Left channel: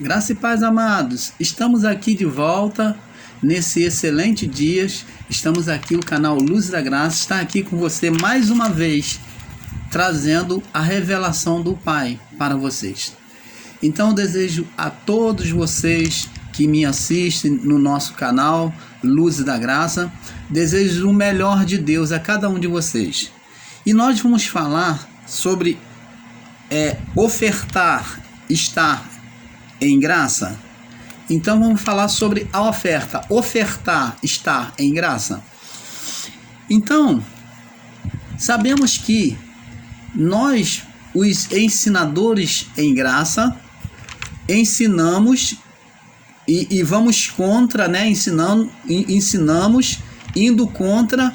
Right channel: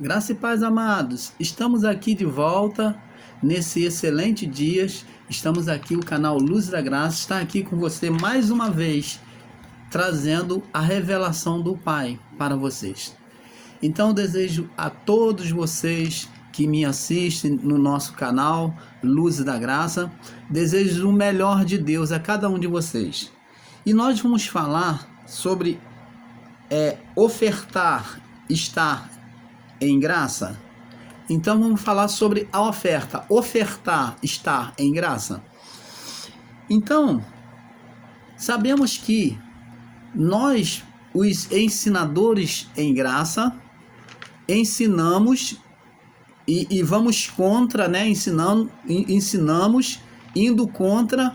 Graça e paz, amados. Estamos aqui de volta nesse excelente dia. Estamos aqui, o canal Luz da Graça está aqui com você mais uma vez, trazendo a revelação do Pai para vocês. Então eu desejo a todos vocês que me assistem no nosso canal Luz da Graça, desejo o melhor de Deus a cada um de vocês. E nós vamos falar sobre ofertar, estar em graça. Então vamos falar sobre a oferta, ofertar, estar em graça. Então, sabemos que nós, os ensinadores em graça, ensinamos e vamos contra, ensinamos indo contra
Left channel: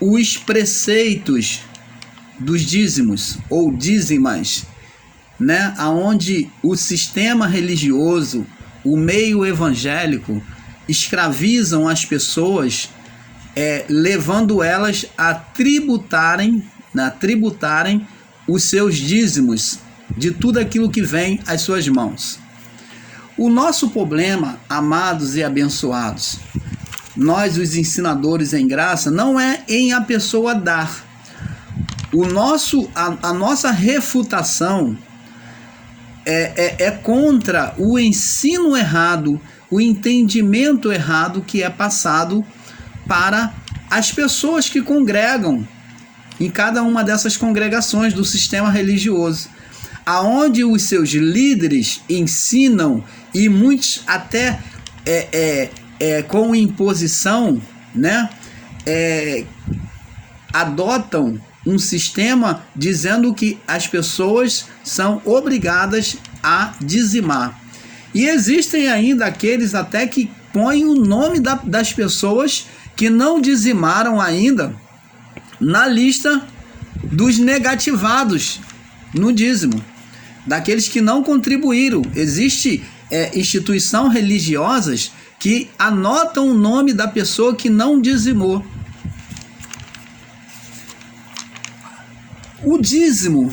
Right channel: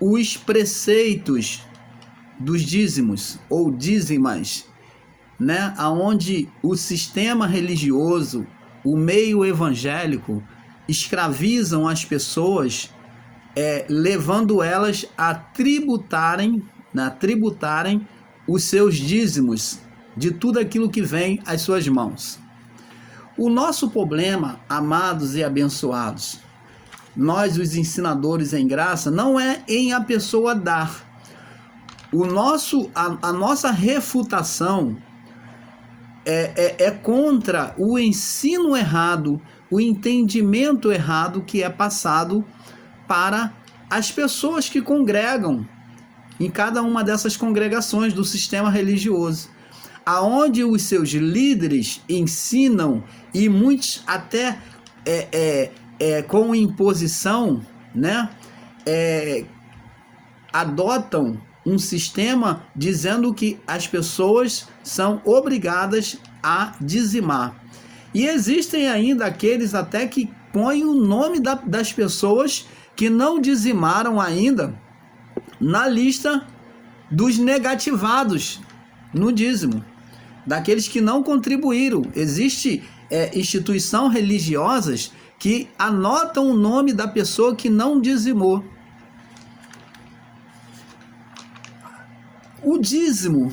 os preceitos dos dízimos ou dízimas, aonde o sistema religioso, o meio evangélico escravizam as pessoas, levando elas a tributarem os seus dízimos de tudo aquilo que vem às suas mãos. O nosso problema, amados e abençoados, nós os ensinadores em graça, não é em a pessoa dar. A nossa refutação é contra o ensino errado, o entendimento errado que é passado para as pessoas que congregam em cada uma dessas congregações do sistema religioso, aonde os seus líderes ensinam, e muitos até com imposição, adotam um sistema dizendo que as pessoas são obrigadas a dizimar. E existem ainda aqueles até que põem o nome das pessoas que não dizimaram ainda na lista dos negativados no dízimo, daqueles que não contribuíram. Existe instituições religiosas que anotam o nome da pessoa que não dizimou. O dízimo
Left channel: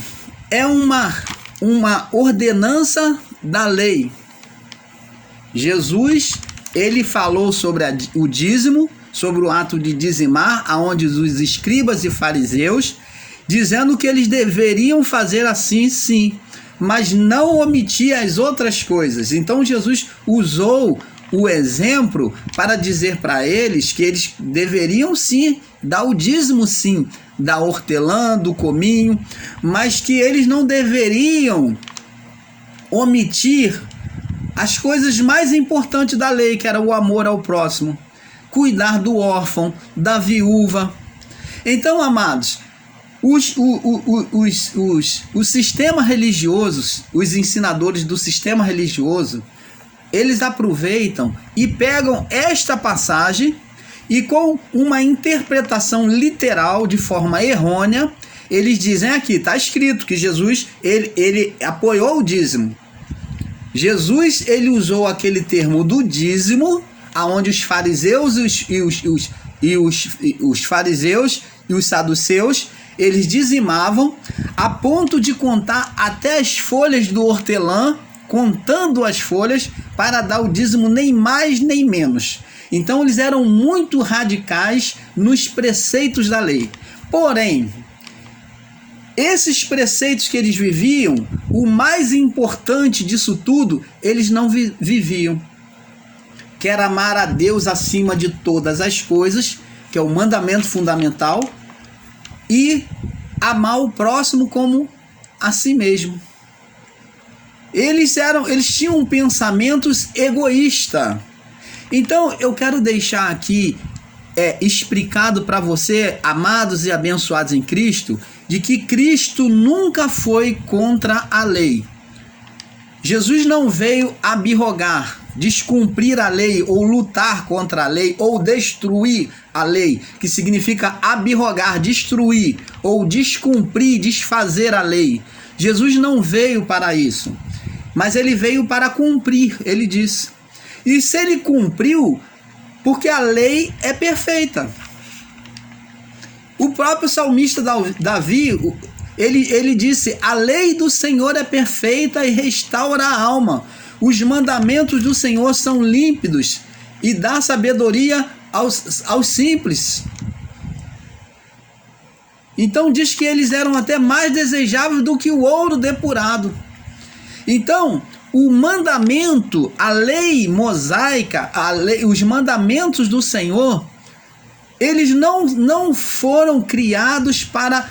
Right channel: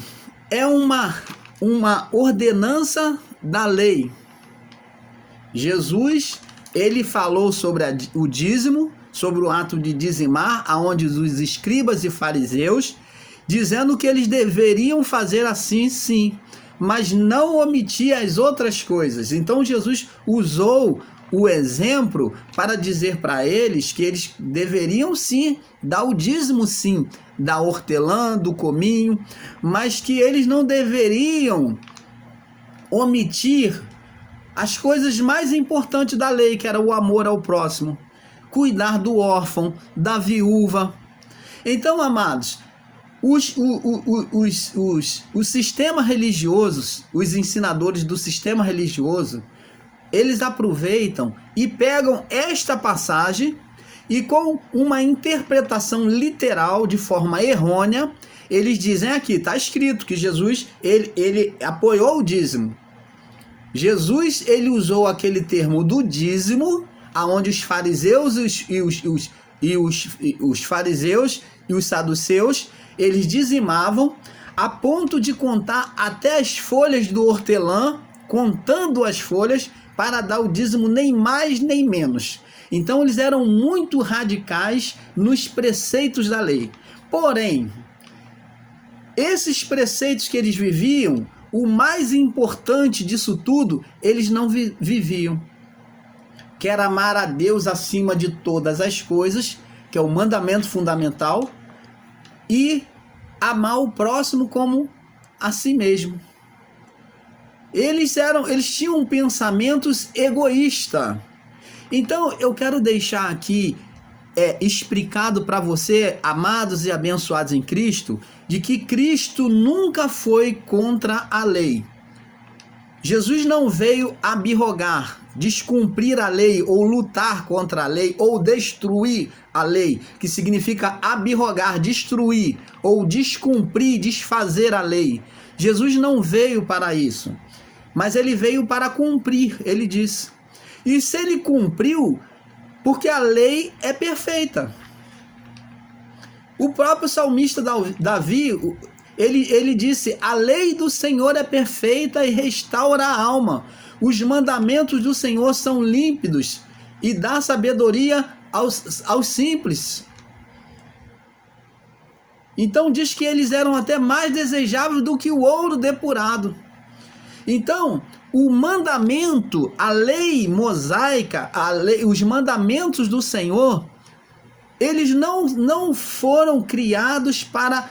é uma ordenança da lei. Jesus, ele falou sobre o dízimo, sobre o ato de dizimar, aonde os escribas e fariseus, dizendo que eles deveriam fazer assim, sim, mas não omitir as outras coisas. Então Jesus usou o exemplo para dizer para eles que eles deveriam sim dar o dízimo, sim, da hortelã, do cominho, mas que eles não deveriam omitir as coisas mais importantes da lei, que era o amor ao próximo, cuidar do órfão, da viúva. Então, amados, os sistemas religiosos, os ensinadores do sistema religioso, eles aproveitam e pegam esta passagem e, com uma interpretação literal de forma errônea, eles dizem aqui, está escrito que Jesus ele apoiou o dízimo. Jesus, ele usou aquele termo do dízimo, aonde os fariseus os fariseus e os saduceus, eles dizimavam a ponto de contar até as folhas do hortelã, contando as folhas para dar o dízimo, nem mais nem menos. Então eles eram muito radicais nos preceitos da lei. Porém, esses preceitos que eles viviam, o mais importante disso tudo, eles não viviam, que era amar a Deus acima de todas as coisas, que é o mandamento fundamental, e amar o próximo como a si mesmo. Eles tinham pensamentos egoístas. Então eu quero deixar aqui explicado para você, amados e abençoados em Cristo, de que Cristo nunca foi contra a lei. Jesus não veio abrogar, descumprir a lei, ou lutar contra a lei, ou destruir a lei, que significa abrogar, destruir, ou descumprir, desfazer a lei. Jesus não veio para isso, mas ele veio para cumprir, ele disse. E se ele cumpriu, porque a lei é perfeita. O próprio salmista Davi, ele disse: a lei do Senhor é perfeita e restaura a alma. os mandamentos do Senhor são límpidos e dá sabedoria aos simples. Então diz que eles eram até mais desejáveis do que o ouro depurado. Então, o mandamento, a lei mosaica, os mandamentos do Senhor, eles não foram criados para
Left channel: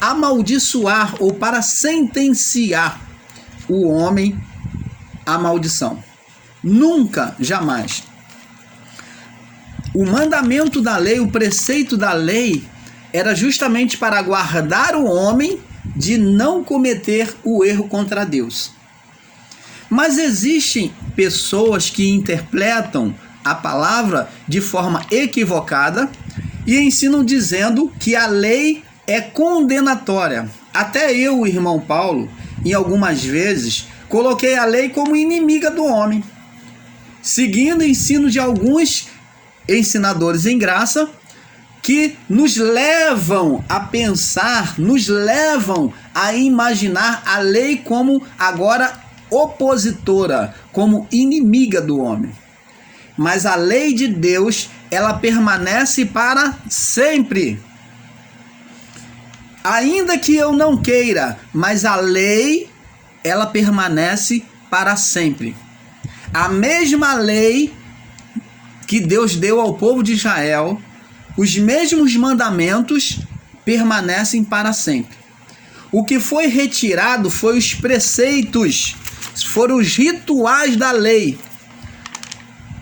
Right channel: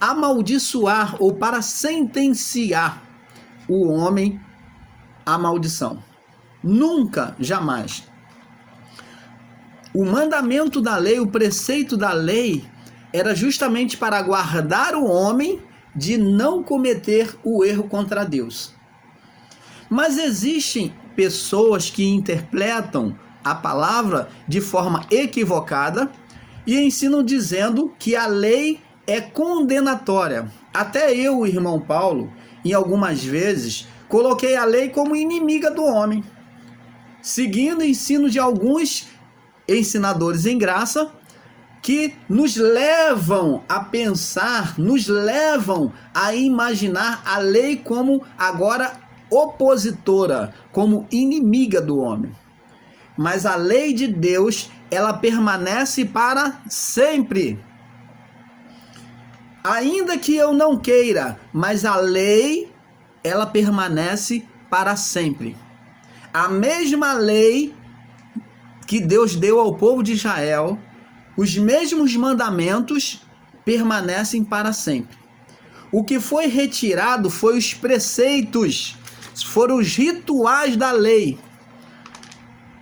amaldiçoar ou para sentenciar o homem à maldição. Nunca, jamais. O mandamento da lei, o preceito da lei, era justamente para guardar o homem de não cometer o erro contra Deus. Mas existem pessoas que interpretam a palavra de forma equivocada e ensinam dizendo que a lei é condenatória. Até eu, irmão Paulo, em algumas vezes, coloquei a lei como inimiga do homem, seguindo o ensino de alguns ensinadores em graça, que nos levam a pensar, nos levam a imaginar a lei como agora opositora, como inimiga do homem. Mas a lei de Deus, ela permanece para sempre. Ainda que eu não queira, mas a lei, ela permanece para sempre. A mesma lei que Deus deu ao povo de Israel, os mesmos mandamentos permanecem para sempre. O que foi retirado foi os preceitos, foram os rituais da lei.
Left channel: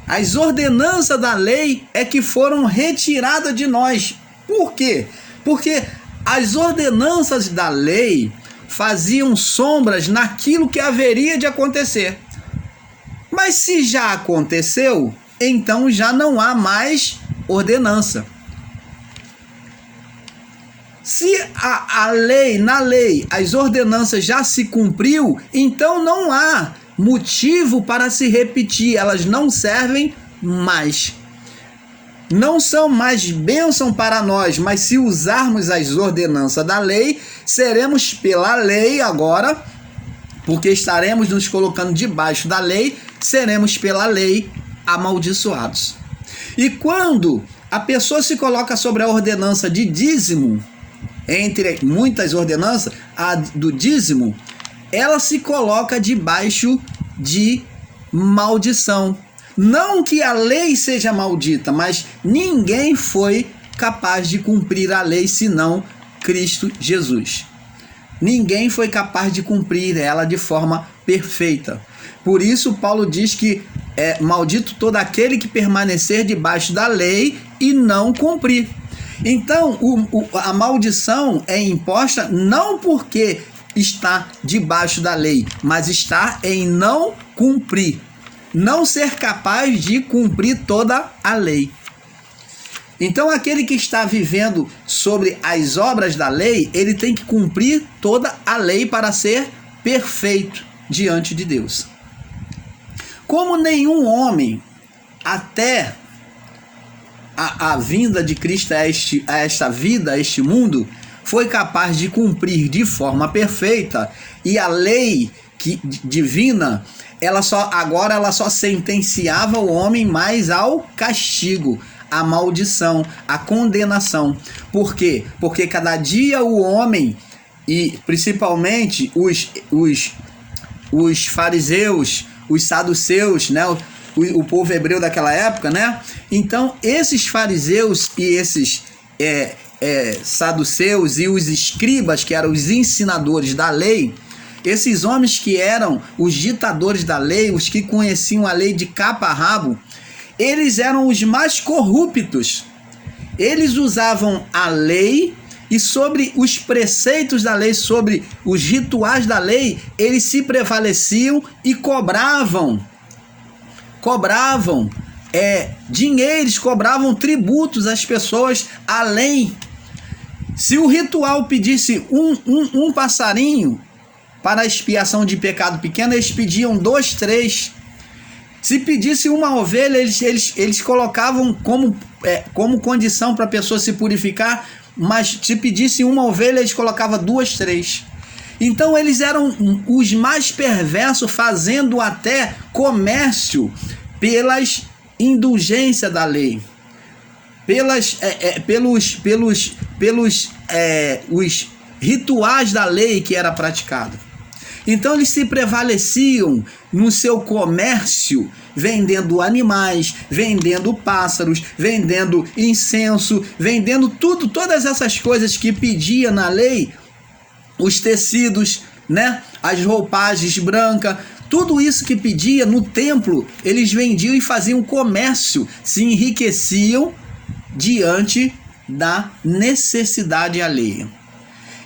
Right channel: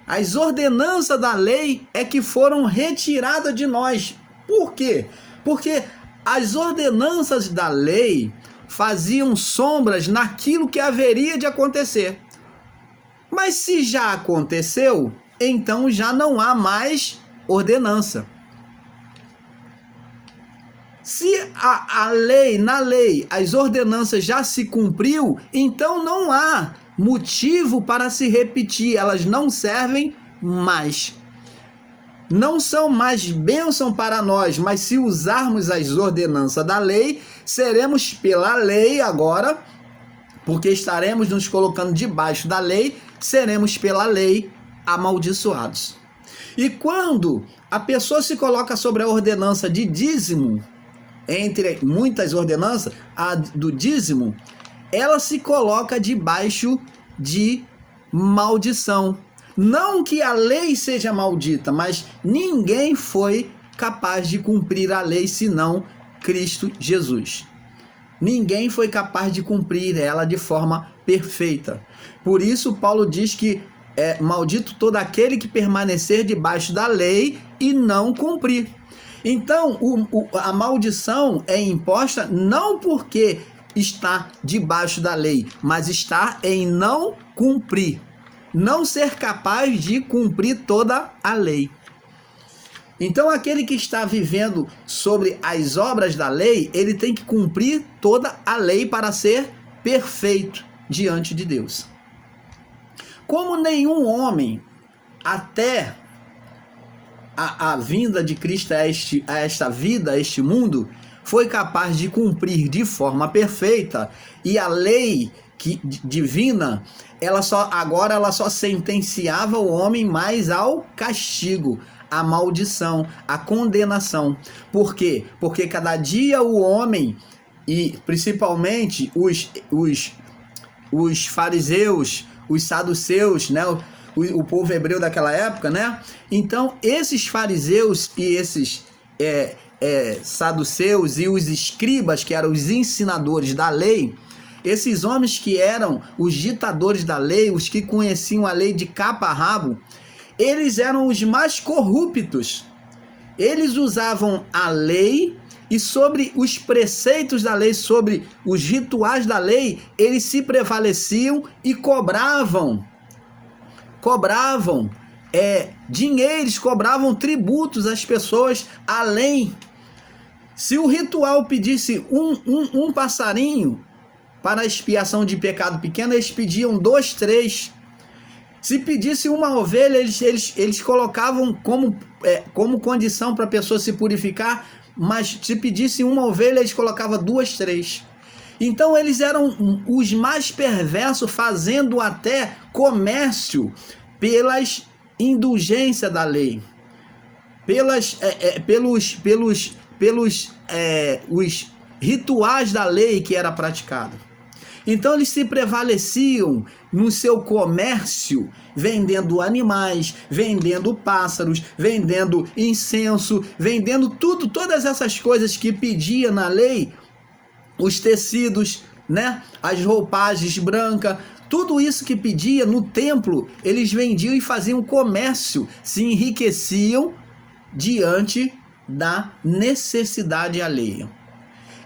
As ordenanças da lei é que foram retiradas de nós. Por quê? Porque as ordenanças da lei faziam sombras naquilo que haveria de acontecer. Mas se já aconteceu, então já não há mais ordenança. Se na lei, as ordenanças já se cumpriu, então não há motivo para se repetir, elas não servem mais. Não são mais bênção para nós, mas se usarmos as ordenanças da lei, seremos pela lei agora, porque estaremos nos colocando debaixo da lei, seremos pela lei amaldiçoados. E quando a pessoa se coloca sobre a ordenança de dízimo, entre muitas ordenanças, a do dízimo, ela se coloca debaixo de maldição. Não que a lei seja maldita, mas ninguém foi capaz de cumprir a lei senão Cristo Jesus. Ninguém foi capaz de cumprir ela de forma perfeita. Por isso Paulo diz que é maldito todo aquele que permanecer debaixo da lei e não cumprir. Então, a maldição é imposta não porque está debaixo da lei, mas está em não cumprir. Não ser capaz de cumprir toda a lei. Então, aquele que está vivendo sobre as obras da lei, ele tem que cumprir toda a lei para ser perfeito diante de Deus. Como nenhum homem, até a vinda de Cristo a esta vida, a este mundo, foi capaz de cumprir de forma perfeita, e a lei divina, ela só sentenciava o homem mais ao castigo, à maldição, à condenação. Por quê? Porque cada dia o homem, e principalmente os fariseus, os saduceus, né? O povo hebreu daquela época, né? Então, esses fariseus e esses saduceus e os escribas, que eram os ensinadores da lei, esses homens que eram os ditadores da lei, os que conheciam a lei de cabo a rabo, eles eram os mais corruptos. Eles usavam a lei e sobre os preceitos da lei, sobre os rituais da lei, eles se prevaleciam e cobravam dinheiros, cobravam tributos às pessoas além. Se o ritual pedisse um passarinho para a expiação de pecado pequeno, eles pediam 2, 3. Se pedisse uma ovelha, eles colocavam como condição para a pessoa se purificar, mas se pedisse uma ovelha, eles colocavam 2, 3. Então eles eram os mais perversos, fazendo até comércio pelas indulgências da lei, os rituais da lei que era praticado. Então eles se prevaleciam no seu comércio, vendendo animais, vendendo pássaros, vendendo incenso, vendendo tudo, todas essas coisas que pedia na lei, os tecidos, né, as roupagens brancas, tudo isso que pedia no templo, eles vendiam e faziam comércio, se enriqueciam diante da necessidade alheia.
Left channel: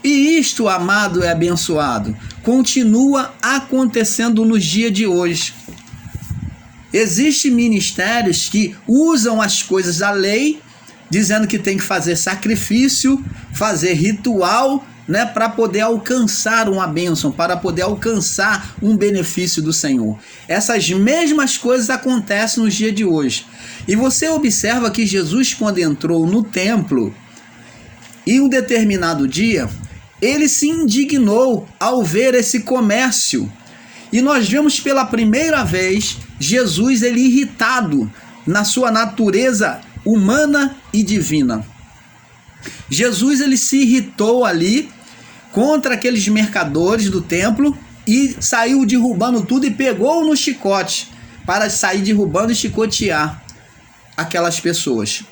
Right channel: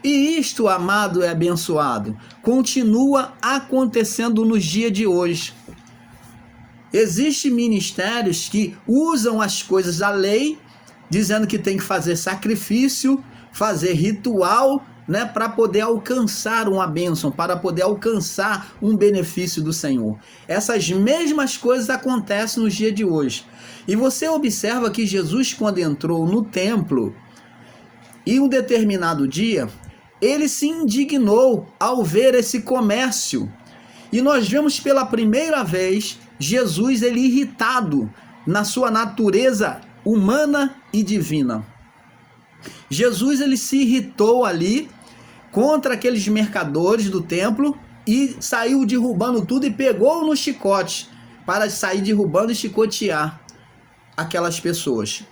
E isto, amado e abençoado, continua acontecendo nos dias de hoje. Existem ministérios que usam as coisas da lei, dizendo que tem que fazer sacrifício, fazer ritual, né, para poder alcançar uma bênção, para poder alcançar um benefício do Senhor. Essas mesmas coisas acontecem nos dias de hoje. E você observa que Jesus, quando entrou no templo, em um determinado dia, ele se indignou ao ver esse comércio. E nós vemos pela primeira vez Jesus ele irritado na sua natureza humana e divina. Jesus ele se irritou ali contra aqueles mercadores do templo e saiu derrubando tudo e pegou no chicote para sair derrubando e chicotear aquelas pessoas,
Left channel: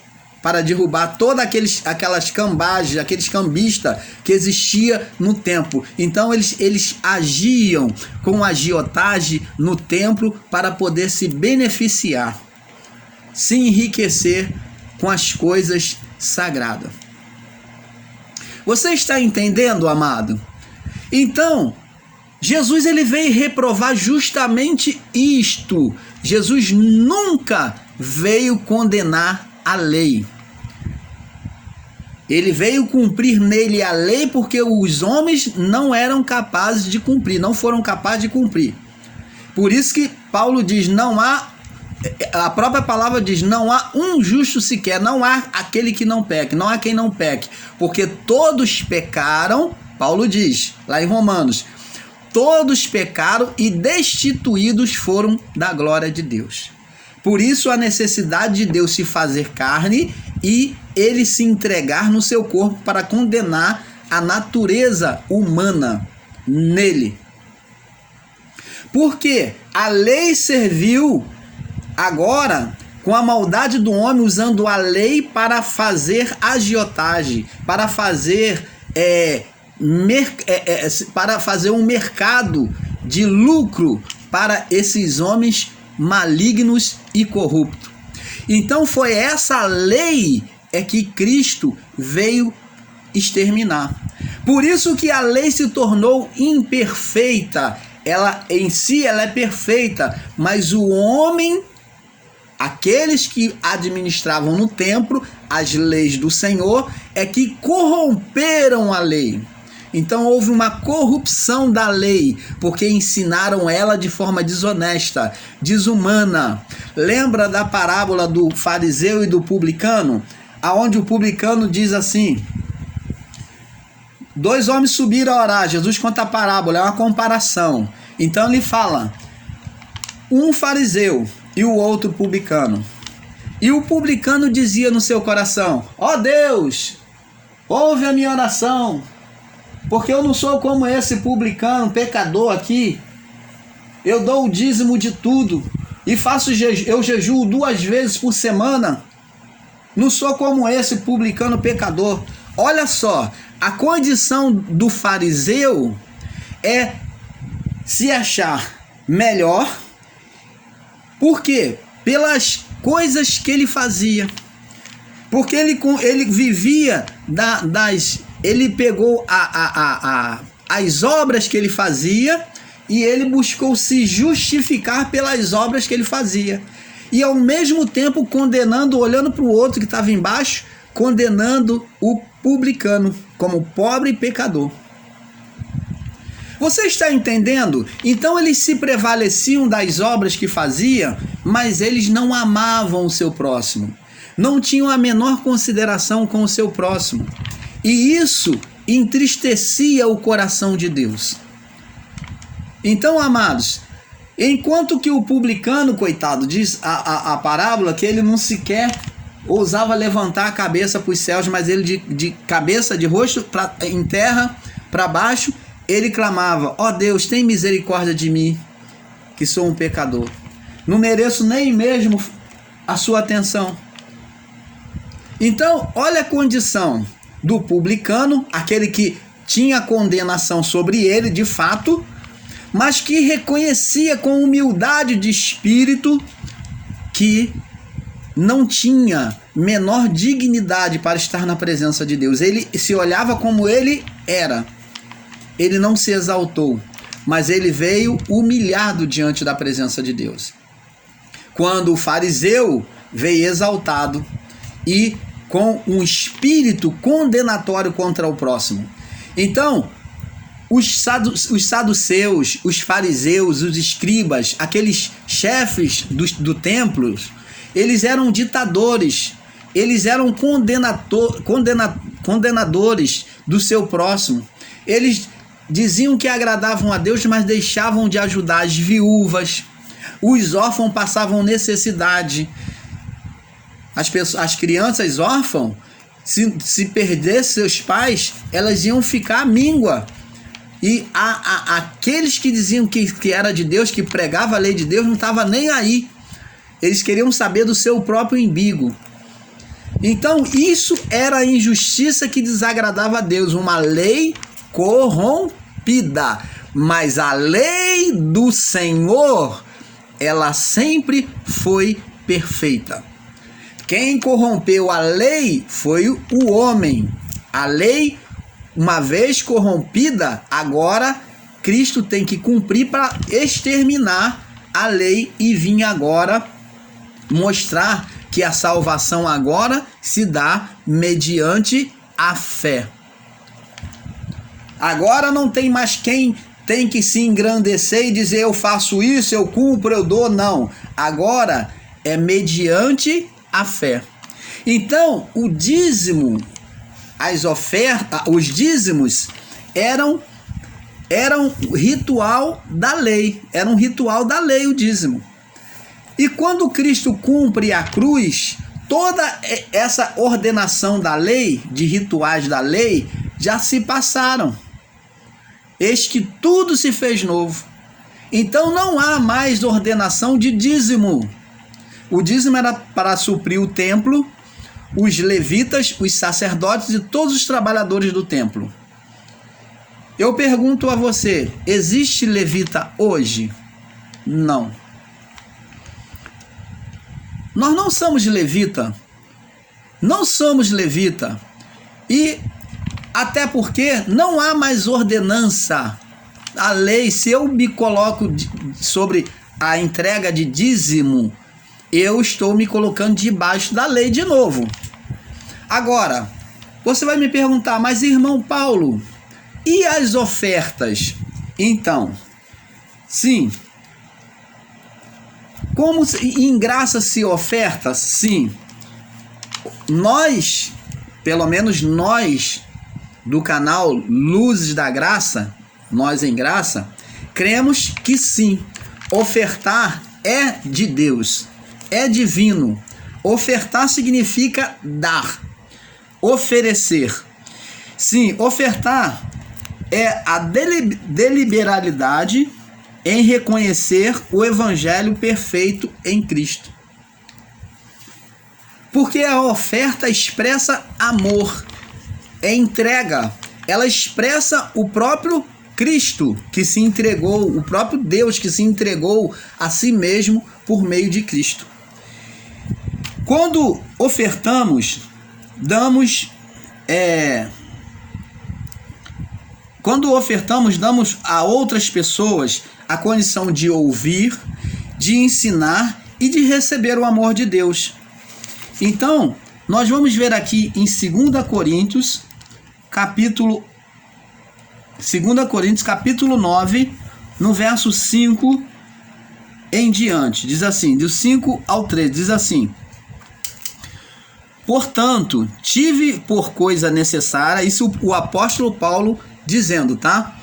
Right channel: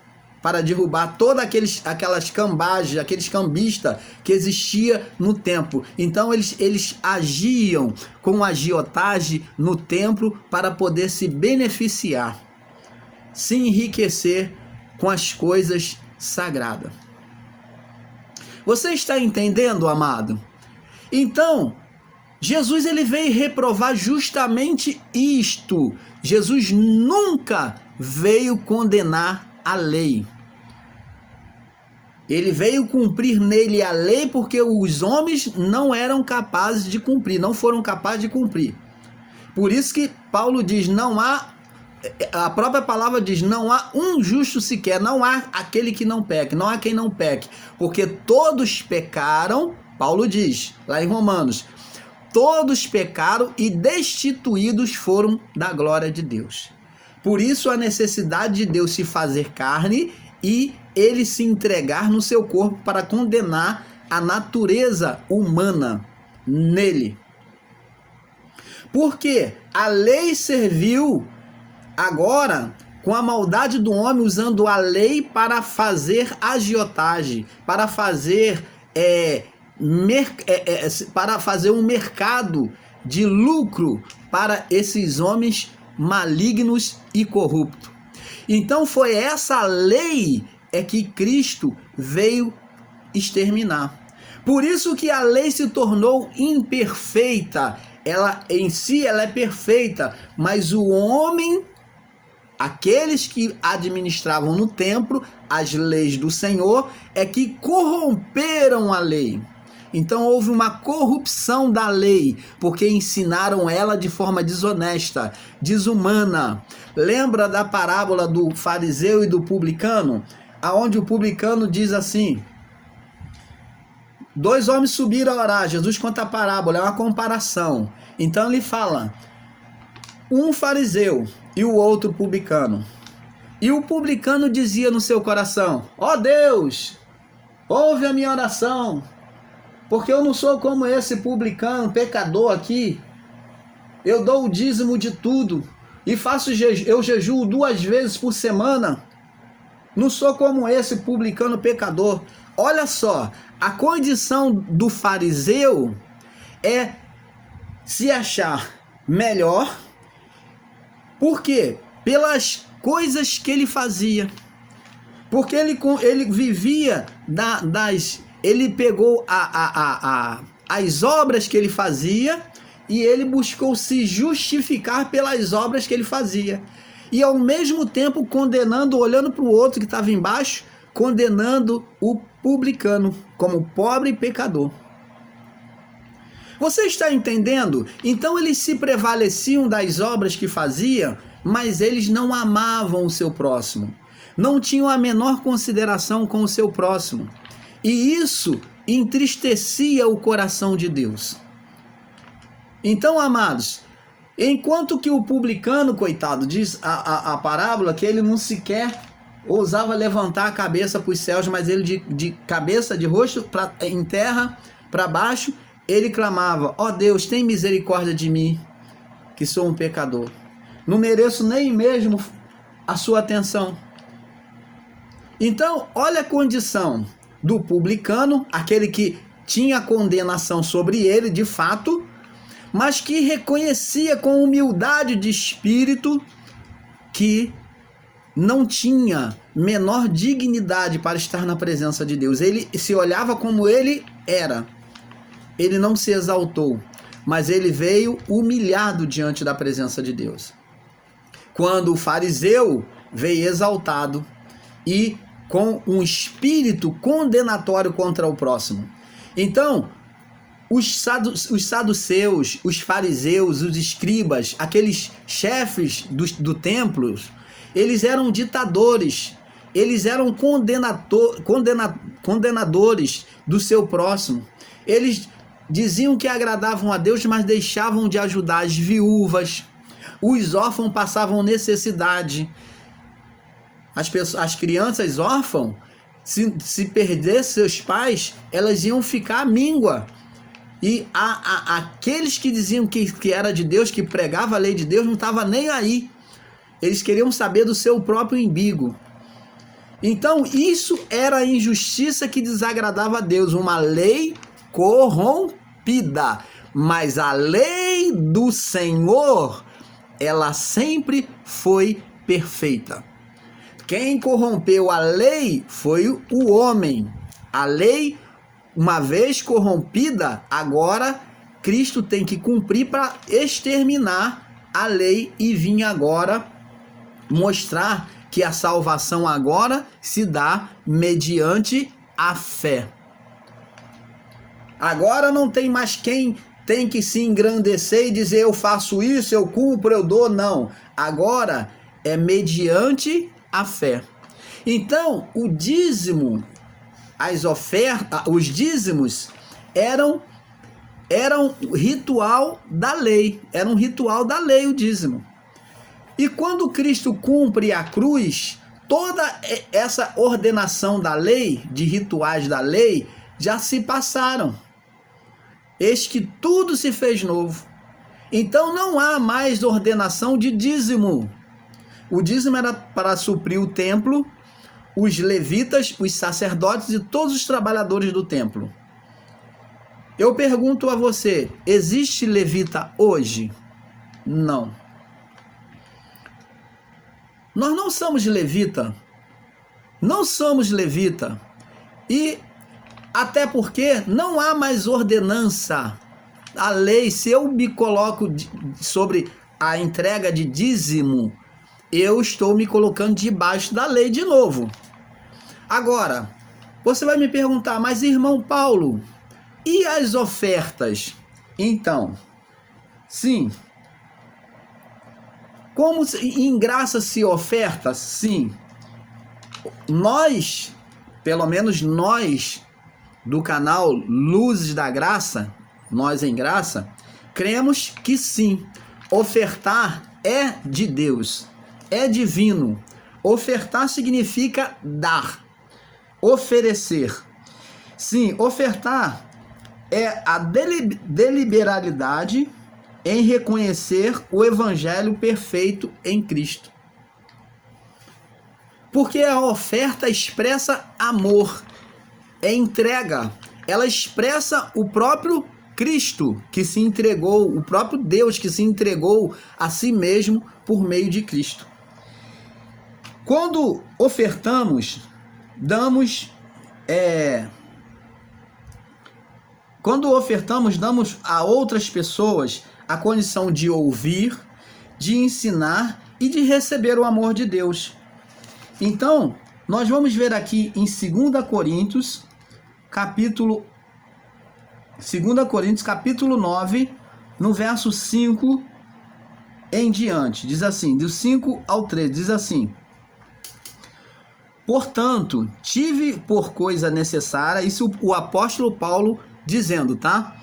para derrubar todas aquelas cambagens, aqueles cambistas que existia no templo. Então eles agiam com agiotagem no templo para poder se beneficiar, se enriquecer com as coisas sagradas. Você está entendendo, amado? Então, Jesus ele veio reprovar justamente isto. Jesus nunca veio condenar a lei. Ele veio cumprir nele a lei porque os homens não eram capazes de cumprir, não foram capazes de cumprir. Por isso que Paulo diz, a própria palavra diz, não há um justo sequer, não há aquele que não peque, não há quem não peque, porque todos pecaram, Paulo diz, lá em Romanos, todos pecaram e destituídos foram da glória de Deus. Por isso a necessidade de Deus se fazer carne e ele se entregar no seu corpo para condenar a natureza humana nele. Porque a lei serviu agora com a maldade do homem, usando a lei para fazer agiotagem, para fazer um mercado de lucro para esses homens malignos e corruptos. Então foi essa lei que Cristo veio exterminar. Por isso que a lei se tornou imperfeita. Ela em si ela é perfeita, mas o homem, aqueles que administravam no templo as leis do Senhor, que corromperam a lei. Então houve uma corrupção da lei, porque ensinaram ela de forma desonesta, desumana. Lembra da parábola do fariseu e do publicano? Aonde o publicano diz assim: 2 homens subiram a orar. Jesus conta a parábola, é uma comparação. Então ele fala, um fariseu e o outro publicano. E o publicano dizia no seu coração: ó Deus, ouve a minha oração, porque eu não sou como esse publicano, pecador aqui. Eu dou o dízimo de tudo e eu jejuo 2 vezes por semana. Não sou como esse publicano pecador. Olha só, a condição do fariseu é se achar melhor. Por quê? Pelas coisas que ele fazia. Porque ele vivia ele pegou as obras que ele fazia e ele buscou se justificar pelas obras que ele fazia. E ao mesmo tempo condenando, olhando para o outro que estava embaixo, condenando o publicano como pobre e pecador. Você está entendendo? Então eles se prevaleciam das obras que faziam, mas eles não amavam o seu próximo. Não tinham a menor consideração com o seu próximo. E isso entristecia o coração de Deus. Então, amados, enquanto que o publicano, coitado, diz a parábola que ele não sequer ousava levantar a cabeça para os céus, mas ele de cabeça, de rosto em terra, para baixo, ele clamava: ó Deus, tem misericórdia de mim, que sou um pecador. Não mereço nem mesmo a sua atenção. Então, olha a condição do publicano, aquele que tinha condenação sobre ele, de fato, mas que reconhecia com humildade de espírito que não tinha menor dignidade para estar na presença de Deus. Ele se olhava como ele era. Ele não se exaltou, mas ele veio humilhado diante da presença de Deus. Quando o fariseu veio exaltado e com um espírito condenatório contra o próximo. Então, os saduceus, os fariseus, os escribas, aqueles chefes do templo, eles eram ditadores, eles eram condenadores do seu próximo. Eles diziam que agradavam a Deus, mas deixavam de ajudar as viúvas. Os órfãos passavam necessidade. As crianças órfãs, se perdessem seus pais, elas iam ficar míngua. E aqueles que diziam que era de Deus, que pregava a lei de Deus, não estava nem aí. Eles queriam saber do seu próprio umbigo. Então, isso era a injustiça que desagradava a Deus. Uma lei corrompida. Mas a lei do Senhor, ela sempre foi perfeita. Quem corrompeu a lei foi o homem. A lei, uma vez corrompida, agora Cristo tem que cumprir para exterminar a lei e vir agora mostrar que a salvação agora se dá mediante a fé. Agora não tem mais quem tem que se engrandecer e dizer eu faço isso, eu cumpro, eu dou. Não. Agora é mediante a fé. Então, o dízimo, as ofertas, os dízimos eram ritual da lei. Era um ritual da lei o dízimo. E quando Cristo cumpre a cruz, toda essa ordenação da lei, de rituais da lei, já se passaram. Eis que tudo se fez novo. Então não há mais ordenação de dízimo. O dízimo era para suprir o templo, os levitas, os sacerdotes e todos os trabalhadores do templo. Eu pergunto a você, existe levita hoje? Não. Nós não somos levita. Não somos levita. E até porque não há mais ordenança. A lei, se eu me coloco sobre a entrega de dízimo, eu estou me colocando debaixo da lei de novo. Agora, você vai me perguntar, mas irmão Paulo, e as ofertas? Então, sim. Como em graça se oferta? Sim. Nós, pelo menos nós, do canal Luzes da Graça, nós em graça, cremos que sim. Ofertar é de Deus, é divino. Ofertar significa dar, oferecer. Sim, ofertar é a deliberalidade em reconhecer o evangelho perfeito em Cristo. Porque a oferta expressa amor, é entrega, ela expressa o próprio Cristo que se entregou, o próprio Deus que se entregou a si mesmo por meio de Cristo. Quando ofertamos, damos a outras pessoas a condição de ouvir, de ensinar e de receber o amor de Deus. Então, nós vamos ver aqui em 2 Coríntios, capítulo 9, no verso 5 em diante. Diz assim, do 5 ao 13, diz assim: Portanto, tive por coisa necessária, isso o apóstolo Paulo dizendo, tá?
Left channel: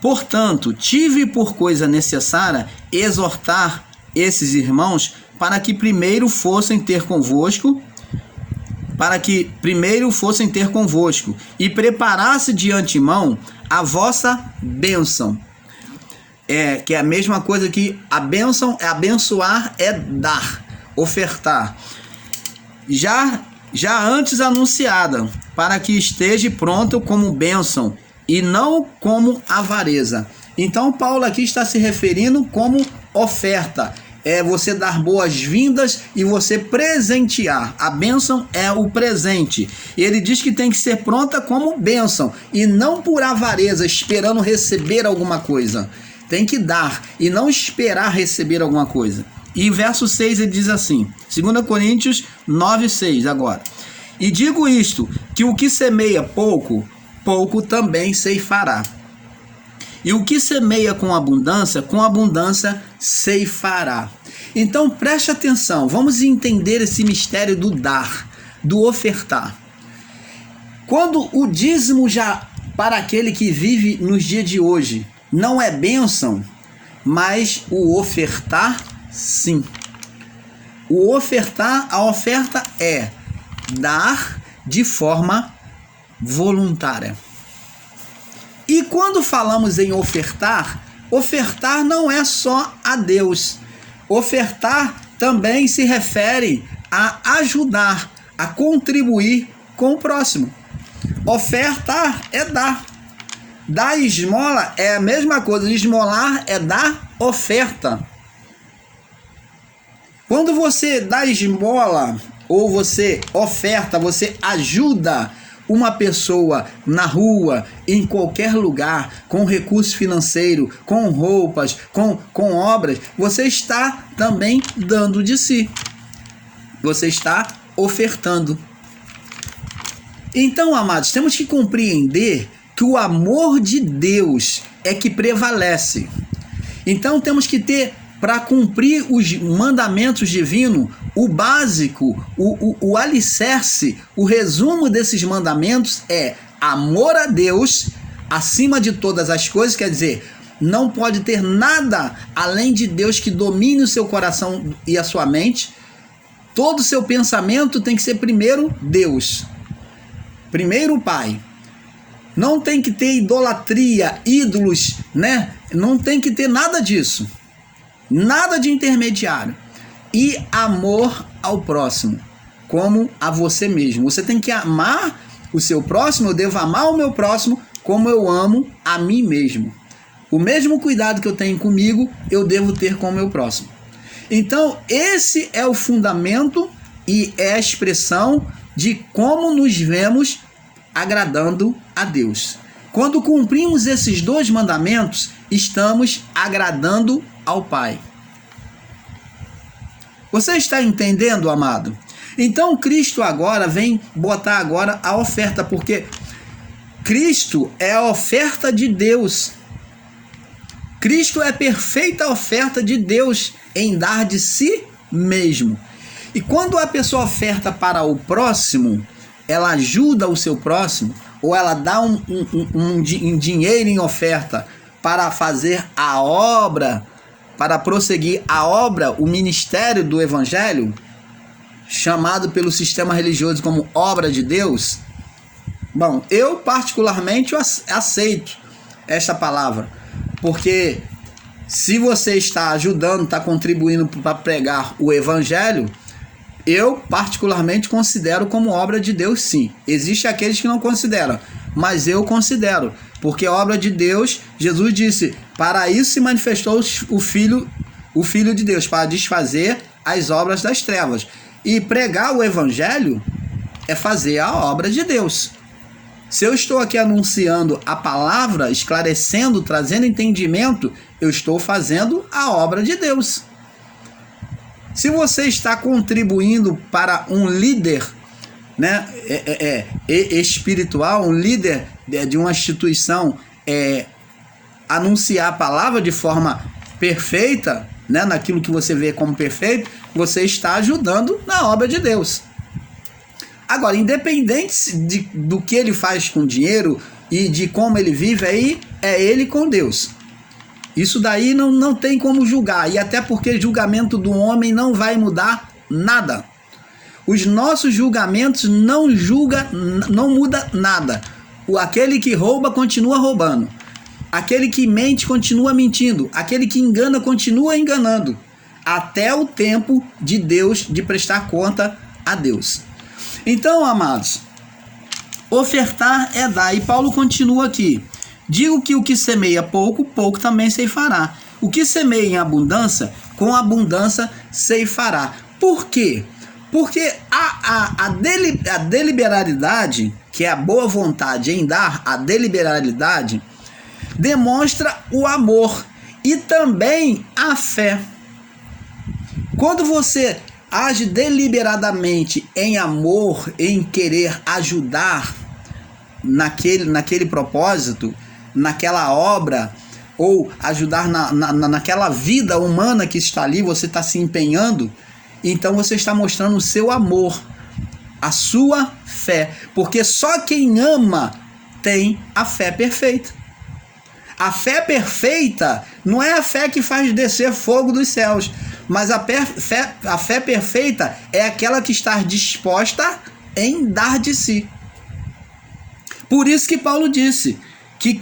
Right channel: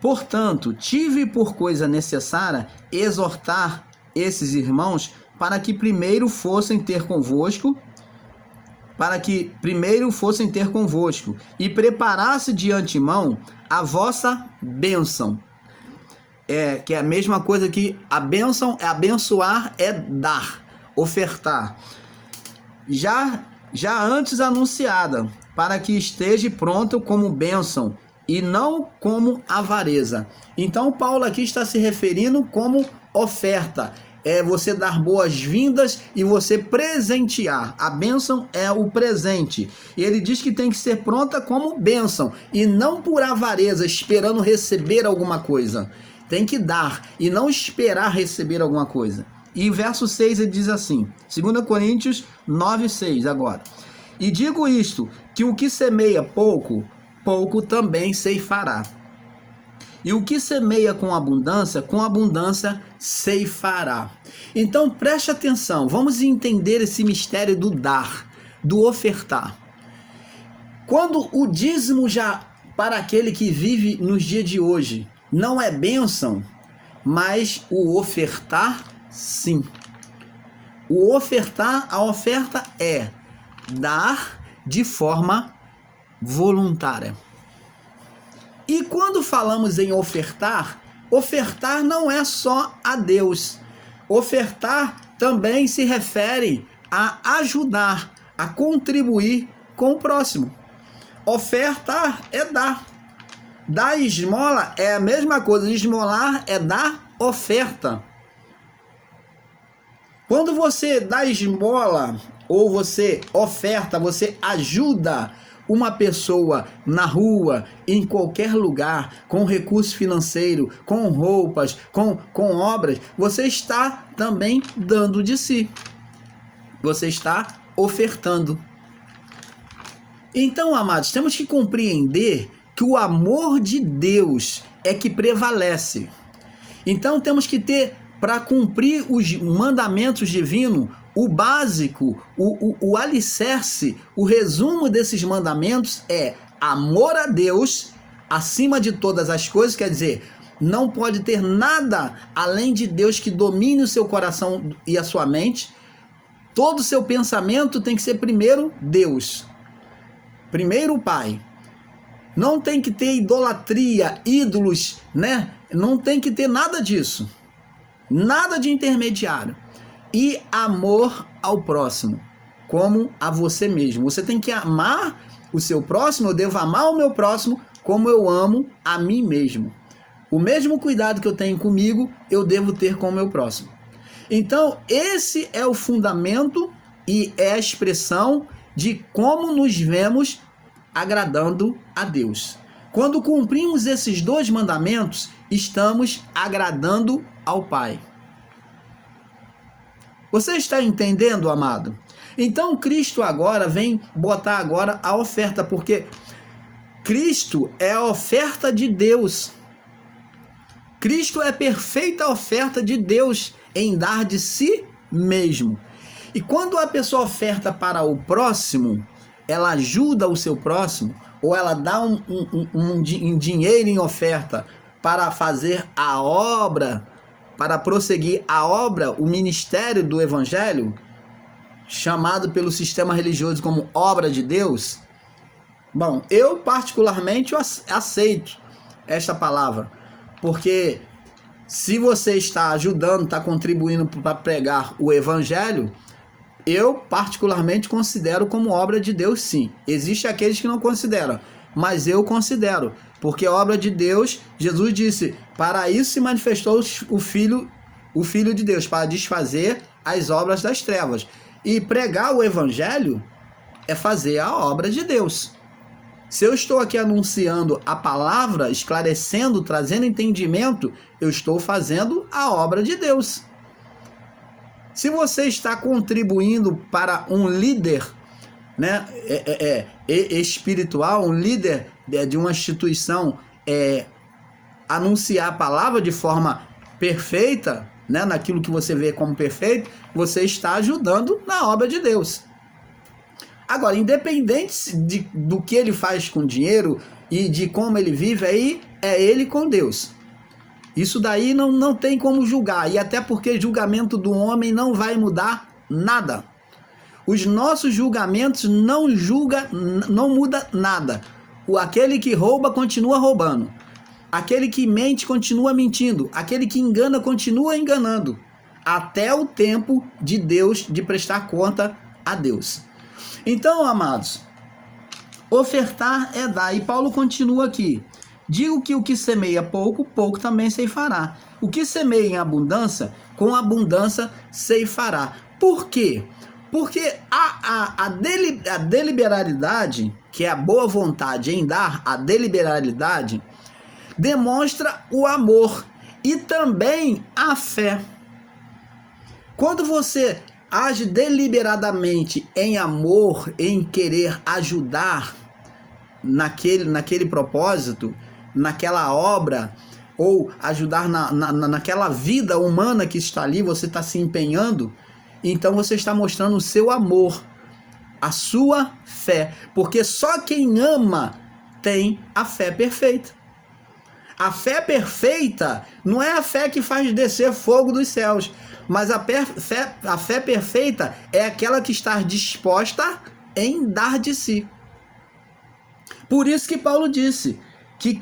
Portanto, tive por coisa necessária exortar esses irmãos para que primeiro fossem ter convosco, e preparasse de antemão a vossa bênção. Que é a mesma coisa que a bênção é abençoar, é dar, ofertar. Já antes anunciada, para que esteja pronto como bênção e não como avareza. Então Paulo aqui está se referindo como oferta. É você dar boas-vindas e você presentear. A bênção é o presente. Ele diz que tem que ser pronta como bênção e não por avareza, esperando receber alguma coisa. Tem que dar e não esperar receber alguma coisa. E em verso 6 ele diz assim, 2 Coríntios 9:6 agora. E digo isto, que o que semeia pouco, pouco também ceifará. E o que semeia com abundância ceifará. Então preste atenção, vamos entender esse mistério do dar, do ofertar. Quando o dízimo já para aquele que vive nos dias de hoje não é bênção, mas o ofertar, sim. O ofertar, a oferta é dar de forma voluntária. E quando falamos em ofertar, ofertar não é só a Deus. Ofertar também se refere a ajudar, a contribuir com o próximo. Ofertar é dar. Dar esmola é a mesma coisa. Esmolar é dar oferta. Quando você dá esmola ou você oferta, você ajuda uma pessoa na rua, em qualquer lugar, com recurso financeiro, com roupas, com obras, você está também dando de si. Você está ofertando. Então, amados, temos que compreender que o amor de Deus é que prevalece. Então, temos que ter, para cumprir os mandamentos divinos, o básico, o alicerce, o resumo desses mandamentos é amor a Deus acima de todas as coisas, quer dizer, não pode ter nada além de Deus que domine o seu coração e a sua mente. Todo o seu pensamento tem que ser primeiro Deus, primeiro o Pai. Não tem que ter idolatria, ídolos, né? Não tem que ter nada disso, nada de intermediário. E amor ao próximo, como a você mesmo. Você tem que amar o seu próximo, eu devo amar o meu próximo como eu amo a mim mesmo. O mesmo cuidado que eu tenho comigo, eu devo ter com o meu próximo. Então, esse é o fundamento e é a expressão de como nos vemos agradando a Deus. Quando cumprimos esses dois mandamentos, estamos agradando ao Pai. Você está entendendo, amado? Então Cristo agora vem botar agora a oferta, porque Cristo é a oferta de Deus. Cristo é a perfeita oferta de Deus em dar de si mesmo. E quando a pessoa oferta para o próximo, ela ajuda o seu próximo, ou ela dá um dinheiro em oferta para fazer a obra, para prosseguir a obra, o ministério do Evangelho, chamado pelo sistema religioso como obra de Deus. Bom, eu particularmente aceito esta palavra, porque se você está ajudando, está contribuindo para pregar o Evangelho, eu particularmente considero como obra de Deus, sim. Existem aqueles que não consideram, mas eu considero, porque obra de Deus, Jesus disse, para isso se manifestou o Filho de Deus, para desfazer as obras das trevas. E pregar o Evangelho é fazer a obra de Deus. Se eu estou aqui anunciando a palavra, esclarecendo, trazendo entendimento, eu estou fazendo a obra de Deus. Se você está contribuindo para um líder, né, espiritual, um líder de uma instituição, anunciar a palavra de forma perfeita, né, naquilo que você vê como perfeito, você está ajudando na obra de Deus. Agora, independente do que ele faz com dinheiro e de como ele vive, aí é ele com Deus. Isso daí não tem como julgar, e até porque julgamento do homem não vai mudar nada. Os nossos julgamentos não muda nada. Aquele que rouba continua roubando. Aquele que mente continua mentindo. Aquele que engana continua enganando. Até o tempo de Deus, de prestar conta a Deus. Então, amados, ofertar é dar. E Paulo continua aqui. Digo que o que semeia pouco, pouco também ceifará. O que semeia em abundância, com abundância ceifará. Por quê? Porque a deliberalidade, que é a boa vontade em dar, a deliberalidade, demonstra o amor e também a fé. Quando você age deliberadamente em amor, em querer ajudar naquele propósito, naquela obra, ou ajudar naquela vida humana que está ali, você está se empenhando, então você está mostrando o seu amor, a sua fé, porque só quem ama tem a fé perfeita. A fé perfeita não é a fé que faz descer fogo dos céus, mas a fé perfeita é aquela que está disposta em dar de si. Por isso que Paulo disse que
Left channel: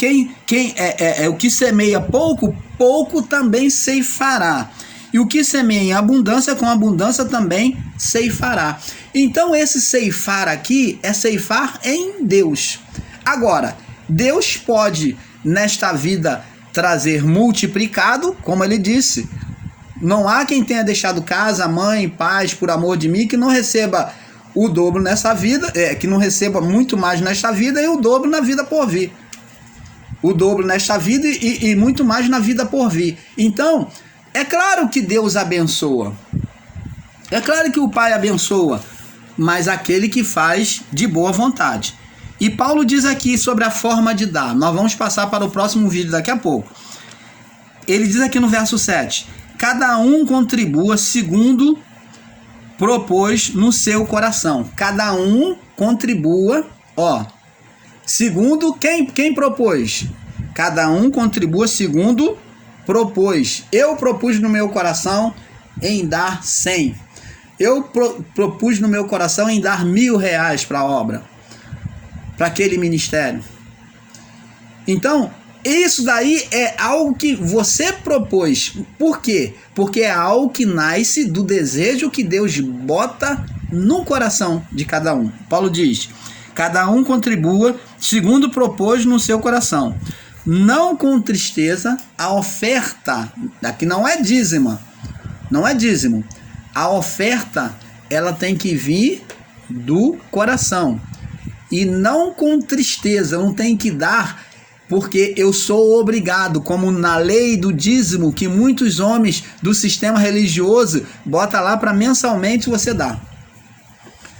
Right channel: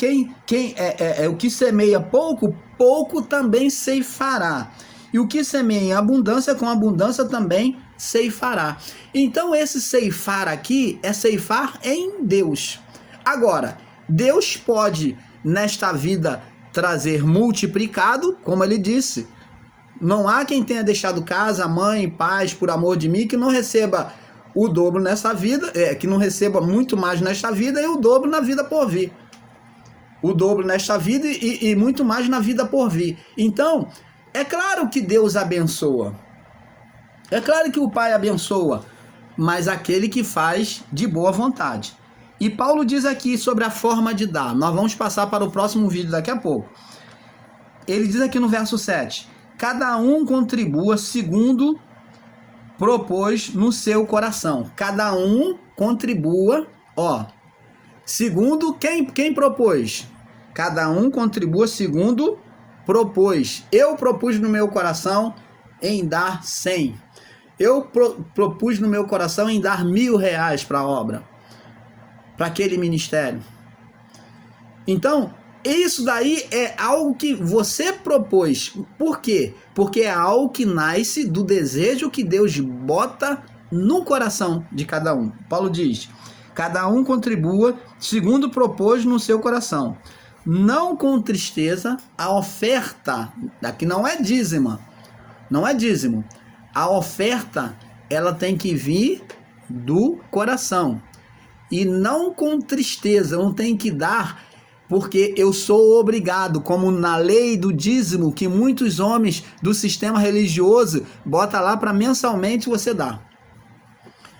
o que semeia pouco, pouco também ceifará. E o que semeia em abundância, com abundância também ceifará. Então esse ceifar aqui é ceifar em Deus. Agora, Deus pode nesta vida trazer multiplicado, como ele disse. Não há quem tenha deixado casa, mãe, pais, por amor de mim, que não receba o dobro nessa vida, que não receba muito mais nesta vida e o dobro na vida por vir. O dobro nesta vida e muito mais na vida por vir. Então, é claro que Deus abençoa. É claro que o Pai abençoa, mas aquele que faz de boa vontade. E Paulo diz aqui sobre a forma de dar. Nós vamos passar para o próximo vídeo daqui a pouco. Ele diz aqui no verso 7: cada um contribua segundo propôs no seu coração. Cada um contribua, segundo quem propôs. Cada um contribua segundo propôs. Eu propus no meu coração em dar 100. Eu propus no meu coração em dar R$1.000 para a obra, para aquele ministério. Então, isso daí é algo que você propôs. Por quê? Porque é algo que nasce do desejo que Deus bota no coração de cada um. Paulo diz: cada um contribua segundo propôs no seu coração, não com tristeza. A oferta, aqui não é dízima, não é dízimo. A oferta, ela tem que vir do coração. E não com tristeza, eu não tenho que dar porque eu sou obrigado, como na lei do dízimo, que muitos homens do sistema religioso bota lá para mensalmente você dar.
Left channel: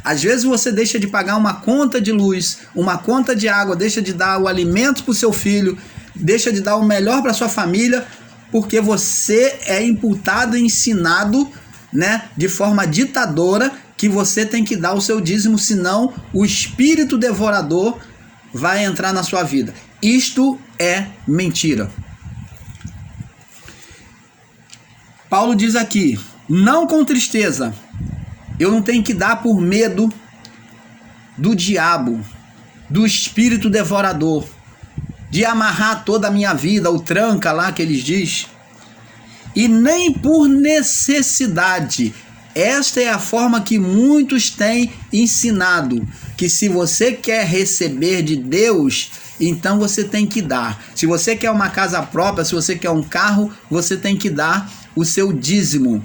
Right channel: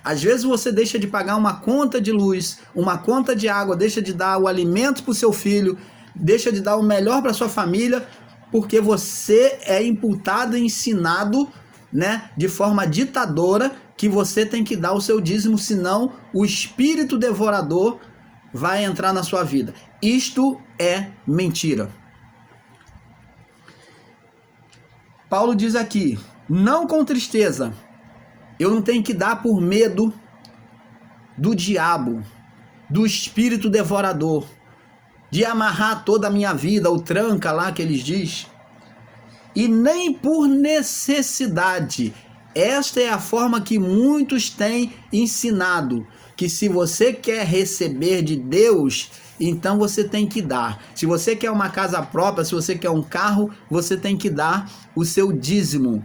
Às vezes você deixa de pagar uma conta de luz, uma conta de água, deixa de dar o alimento para o seu filho, deixa de dar o melhor para sua família, porque você é imputado e ensinado, de forma ditadora, que você tem que dar o seu dízimo, senão o espírito devorador vai entrar na sua vida. Isto é mentira. Paulo diz aqui: não com tristeza. Eu não tenho que dar por medo do diabo, do espírito devorador, de amarrar toda a minha vida, o tranca lá que eles diz, e nem por necessidade. Esta é a forma que muitos têm ensinado, que se você quer receber de Deus, então você tem que dar. Se você quer uma casa própria, se você quer um carro, você tem que dar o seu dízimo.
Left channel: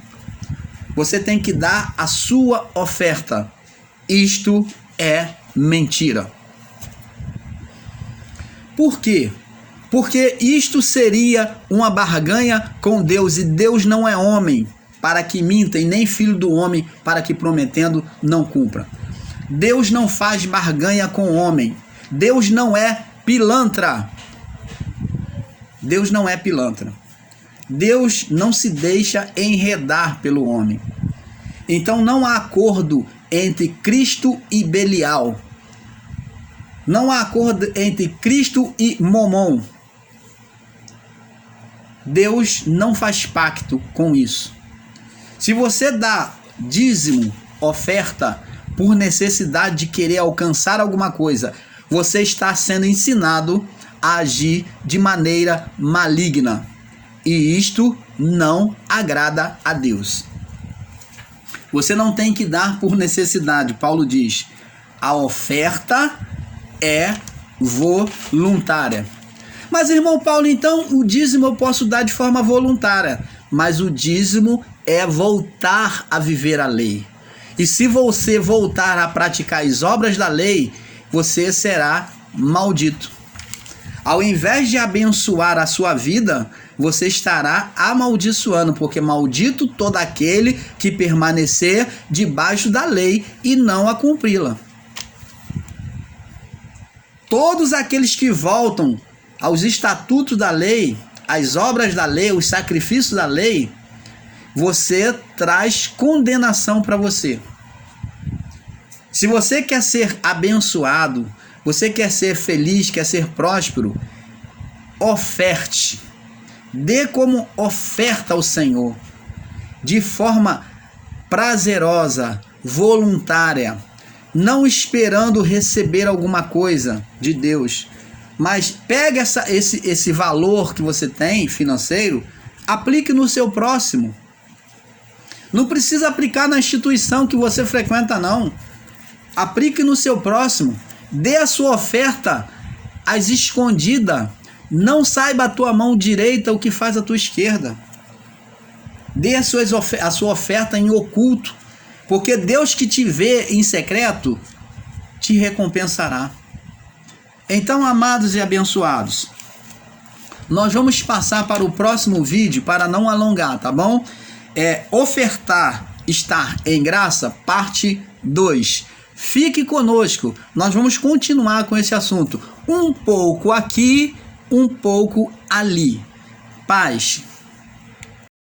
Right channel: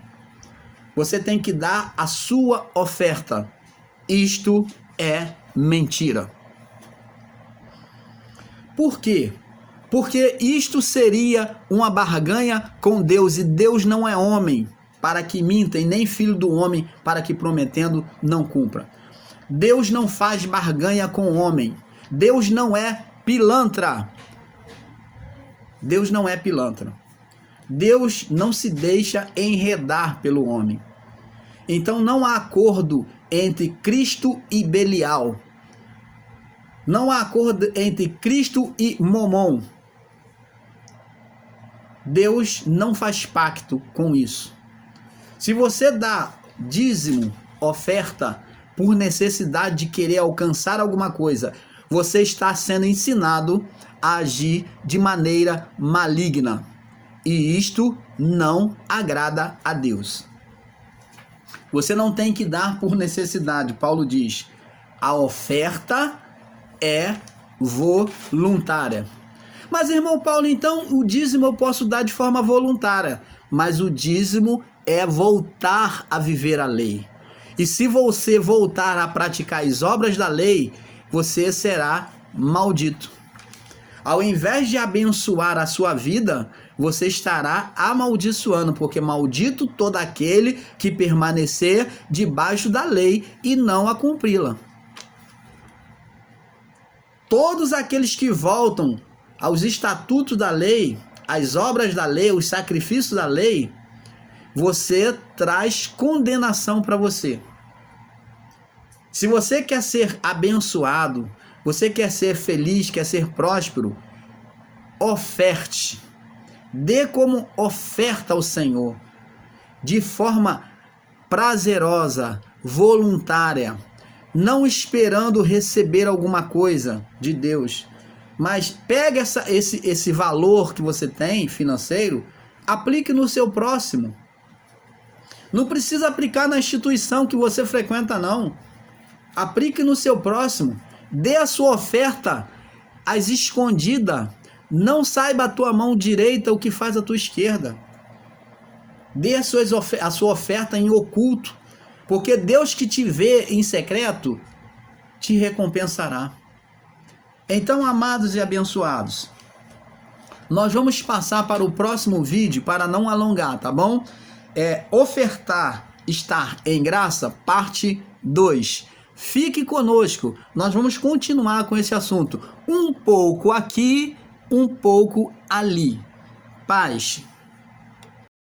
Você tem que dar a sua oferta. Isto é mentira. Por quê? Porque isto seria uma barganha com Deus, e Deus não é homem para que minta, e nem filho do homem para que prometendo não cumpra. Deus não faz barganha com o homem. Deus não é pilantra. Deus não é pilantra. Deus não se deixa enredar pelo homem. Então não há acordo entre Cristo e Belial. Não há acordo entre Cristo e Momon. Deus não faz pacto com isso. Se você dá dízimo, oferta, por necessidade de querer alcançar alguma coisa, você está sendo ensinado a agir de maneira maligna. E isto não agrada a Deus. Você não tem que dar por necessidade. Paulo diz, a oferta é voluntária. Mas, irmão Paulo, então o dízimo eu posso dar de forma voluntária. Mas o dízimo é voltar a viver a lei. E se você voltar a praticar as obras da lei, você será maldito. Ao invés de abençoar a sua vida, você estará amaldiçoando, porque maldito todo aquele que permanecer debaixo da lei e não a cumpri-la. Todos aqueles que voltam aos estatutos da lei, às obras da lei, os sacrifícios da lei, você traz condenação para você. Se você quer ser abençoado, você quer ser feliz, quer ser próspero, oferte. Dê como oferta ao Senhor, de forma prazerosa, voluntária, não esperando receber alguma coisa de Deus. Mas pegue esse valor que você tem financeiro, aplique no seu próximo. Não precisa aplicar na instituição que você frequenta, não. Aplique no seu próximo. Dê a sua oferta às escondidas. Não saiba a tua mão direita o que faz a tua esquerda. Dê a sua oferta em oculto. Porque Deus que te vê em secreto te recompensará. Então, amados e abençoados, nós vamos passar para o próximo vídeo para não alongar, tá bom? Ofertar, estar em graça, parte 2. Fique conosco, nós vamos continuar com esse assunto. Um pouco aqui, um pouco ali. Paz.